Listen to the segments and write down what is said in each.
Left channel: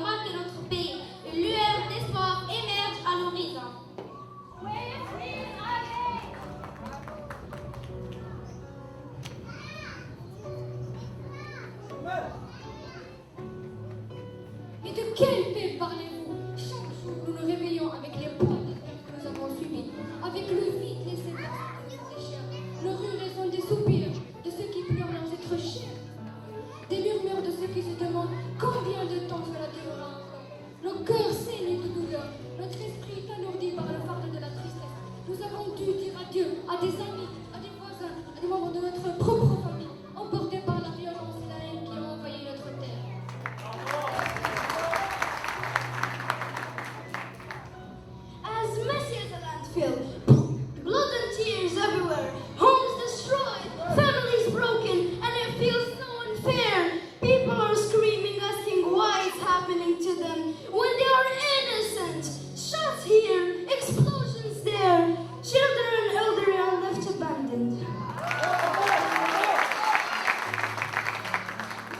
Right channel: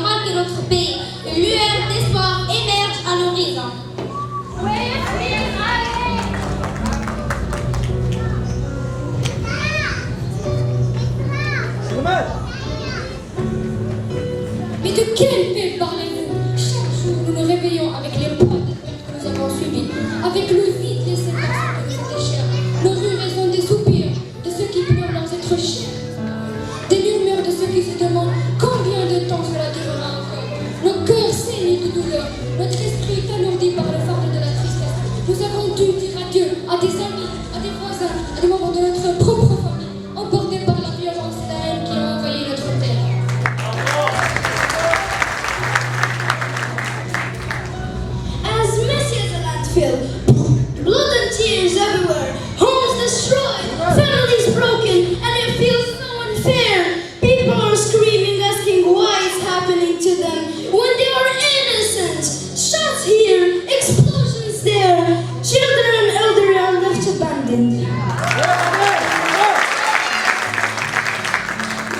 normal que notre pays, une lueur d'espoir émerge à l'horizon. Mais de quelle paix parlez-vous? Chaque jour, nous nous réveillons avec les poids de lutte que nous avons subis, avec le vide laissé par ceux qui nous déchirent. Nos rues résonnent des soupirs de ceux qui pleurent leurs êtres chers, des murmures de ceux qui se demandent combien de temps cela durera encore. Nos cœurs saignent de douleur, notre esprit est alourdi par le fardeau de la tristesse. Nous avons dû dire adieu à des amis, à des voisins, à des membres de notre propre famille, emportés par la violence et la haine qui ont envahi notre terre. As messy as a landfill, blood and tears everywhere, homes destroyed, families broken, and it feels so unfair. People are screaming, asking why it's happening to them when they are innocent. Shots here, explosions there, children and elderly are left abandoned.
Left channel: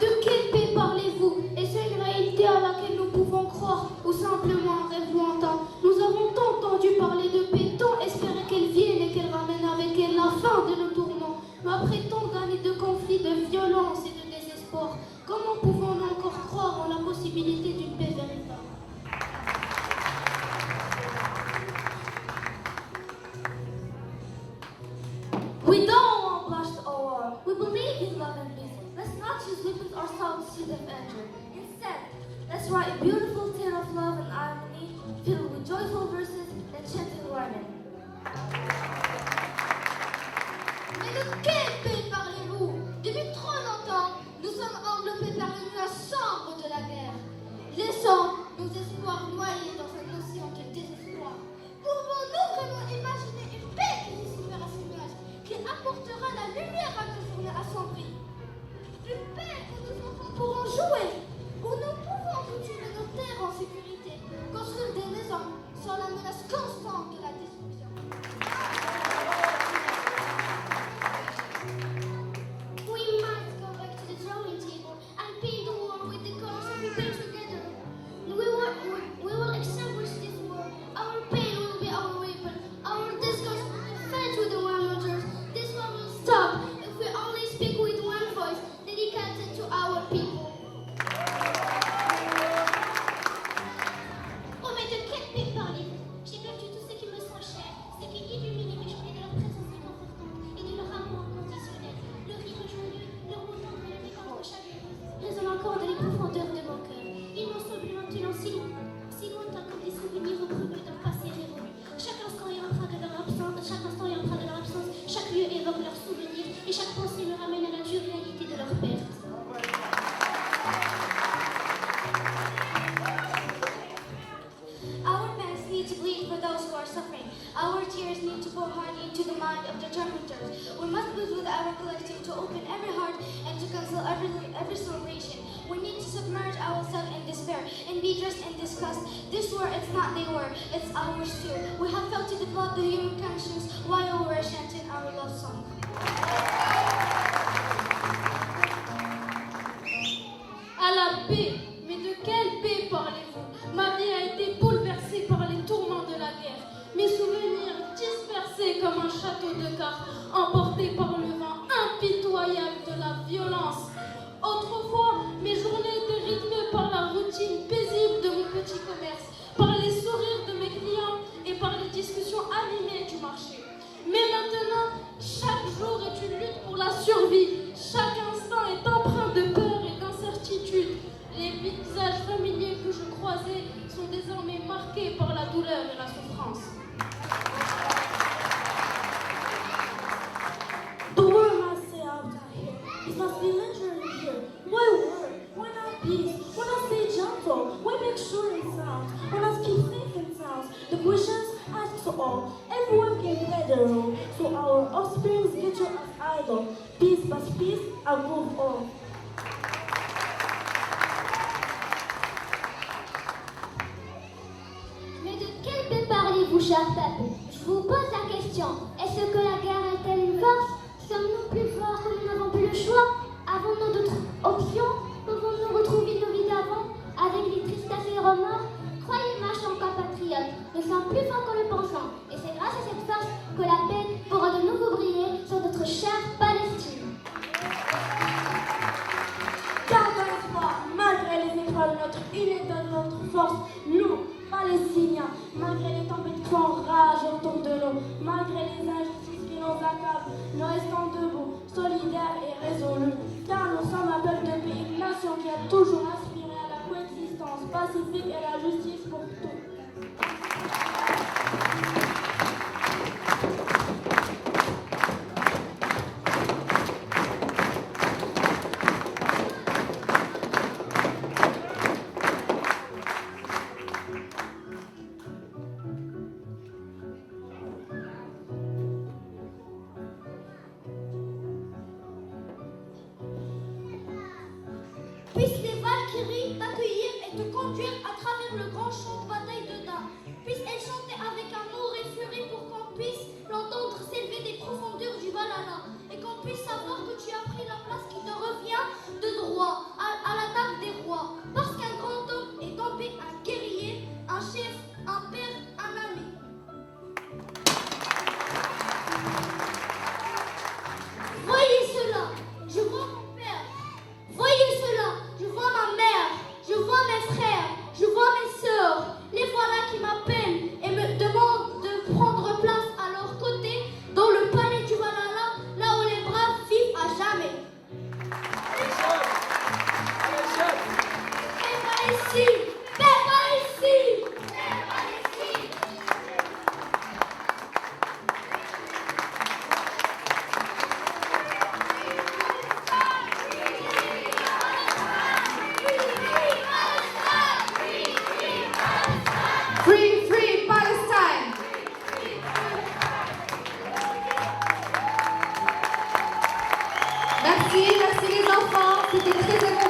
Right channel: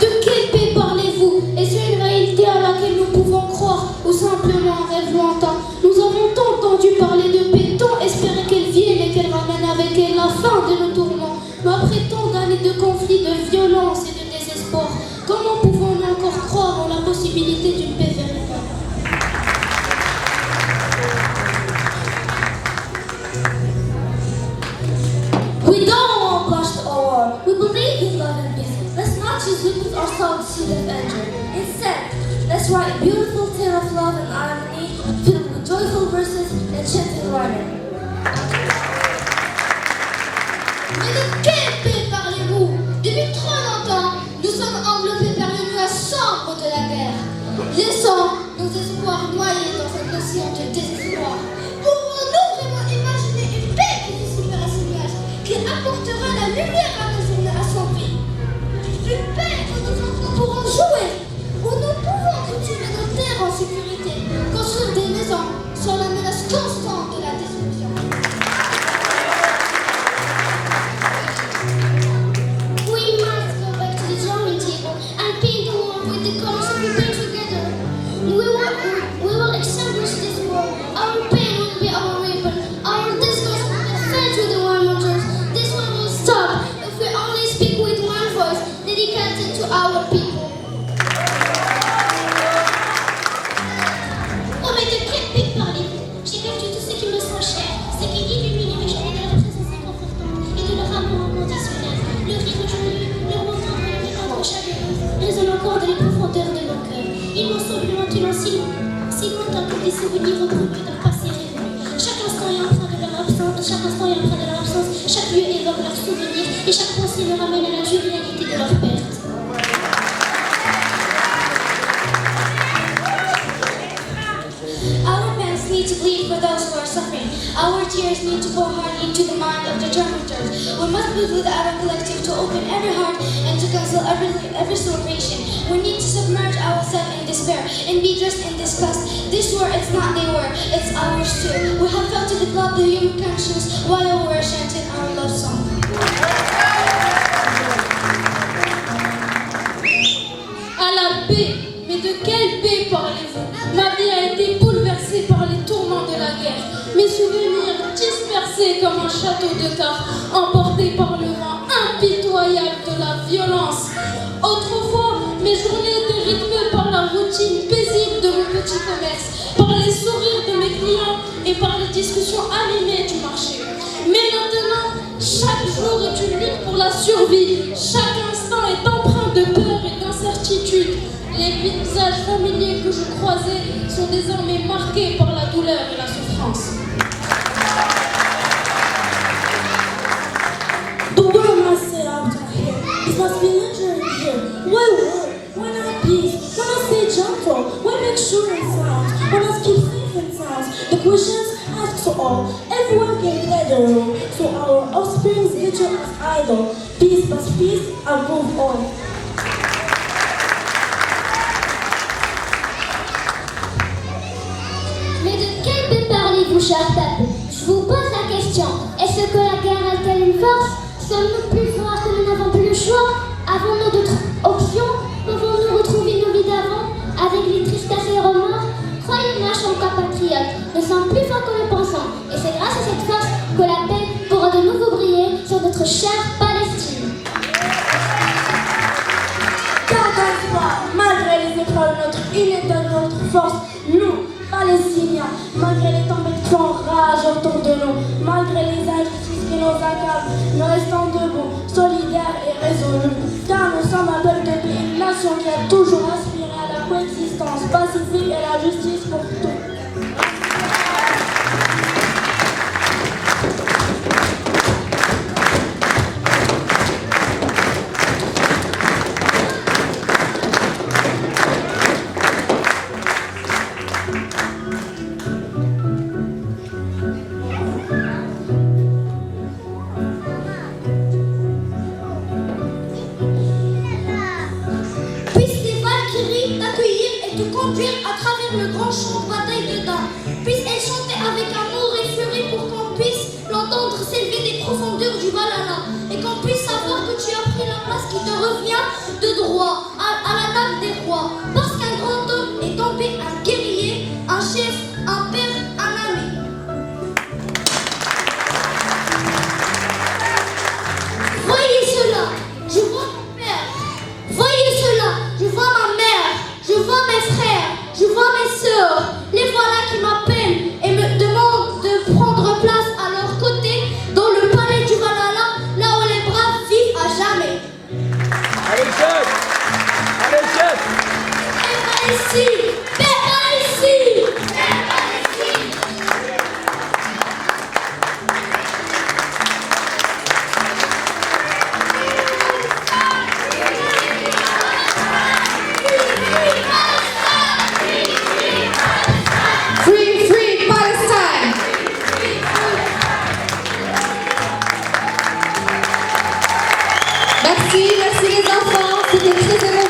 De quelle paix parlez-vous? Est-ce une réalité à laquelle nous pouvons croire ou simplement un rêve lointain? Nous avons tant entendu parler de paix, tant espéré qu'elle vienne et qu'elle ramène avec elle la fin de nos tourments. Mais après tant d'années de conflits, de violence et de désespoir, comment pouvons-nous encore croire en la possibilité d'une paix véritable? We don't want blast or war. We believe in love and peace. Let's not just witness ourselves to the danger. Instead, let's write a beautiful tale of love and harmony, filled with joyful verses and gentle rhyming. Mais de quelle paix parlez-vous? Depuis trop longtemps, nous sommes enveloppés par le nuage sombre de la guerre, laissant nos espoirs noyés dans cette notion de désespoir. Pouvons-nous vraiment imaginer une paix qui se supère à ce nuage, qui apportera la lumière à nos journées assombries? Une paix où nos enfants pourront jouer, où nous pouvons cultiver nos terres en sécurité, construire des maisons sans la menace constante de la destruction. We must go back to the drawing table and paint the wall with the colors that we paint together. We will extinguish this war. Our pain will be our weapon. Our discourse will be fed to the warmongers. This one will stop if we only speak with one voice dedicated to our people. Oh, mais de quelle paix parlez-vous? J'ai perdu tout ce qui me sont chers, ce qui illumine mes journées de leur présence inconfortante et de leur amour inconditionnel. Le rire joyeux, le moment et le regard chaleureux résonnent encore dans les profondeurs de nos cœurs. Ils m'ont semblé maintenant si longtemps que des souvenirs reproduits d'un passé révolu. Chaque instant est empreint de leur absence, chaque lieu évoque leurs souvenirs et chaque pensée me ramène à la dure réalité de leur perte. Our pens need to bleed for those who are suffering. Our tears need to pour hard into the mind of the tormentors. We must build with our collective to open every heart and to cancel every celebration. We need to submerge ourselves in despair and be dressed in disgust. This war, it's not their war, it's ours too. We have felt to develop the human conscience while we're chanting our love song. À la paix? Mais de quelle paix parlez-vous? Ma vie a été bouleversée par les tourments de la guerre. Mes souvenirs dispersés comme un château de cartes, emportés par le vent impitoyable de la violence. Autrefois, mes journées étaient rythmées par la routine paisible de mon petit commerce, par les sourires de mes clients et par les discussions animées du marché. Mais maintenant, chaque jour est une lutte pour la survie. Chaque instant est empreint de peur et d'incertitude. Les visages familiers que je croisais sont désormais marqués par la douleur et la souffrance. The world must set out to here. This must be lingering here. Why war? Why not peace? Why not stay gentle? Why make sure it sounds? Why not keep safe and sounds? The questions asked to all. Everyone can play their role, so our offspring's future is idle. Peace must peace above all. Mais de quelle paix parlez-vous, cher peuple? Je vous pose la question. Est-ce que la guerre a-t-elle une force? Sommes-nous plus forts que nous n'avons plus le choix? Avons-nous d'autres options? Pouvons-nous retrouver nos vies d'avant avec les tristesses force, nous, Palestiniens, malgré les tempêtes qui font rage autour de nous, malgré les injustices qui nous accablent, nous restons debout, solidaires et résolus, car nous sommes un peuple de paix, une nation qui a toujours aspiré à la coexistence pacifique et la justice pour tous. Puissent les Valkyries t'accueillir et te conduire à travers le grand champ de bataille de Dan. Puissent-elles chanter avec amour et furie pour qu'on puisse l'entendre s'élever des profondeurs du Valhalla et qu'on puisse savoir que tu as pris la place qui te revient de droit à la table des rois. Parce qu'un grand homme est tombé, un guerrier, un chef, un père, un ami. Voyez cela, je vois mon père. Voyez cela, je vois ma mère, je vois mes frères, je vois mes sœurs. Les voilà qui m'appellent et me demandent de prendre place à leur côté dans le palais du Valhalla, là où les braves vivent à jamais. Allez, chef! Allez, chef! Paix Palestine! Paix Palestine! Paix Palestine! Free, free Palestine! Merci les enfants, c'était très émouvant.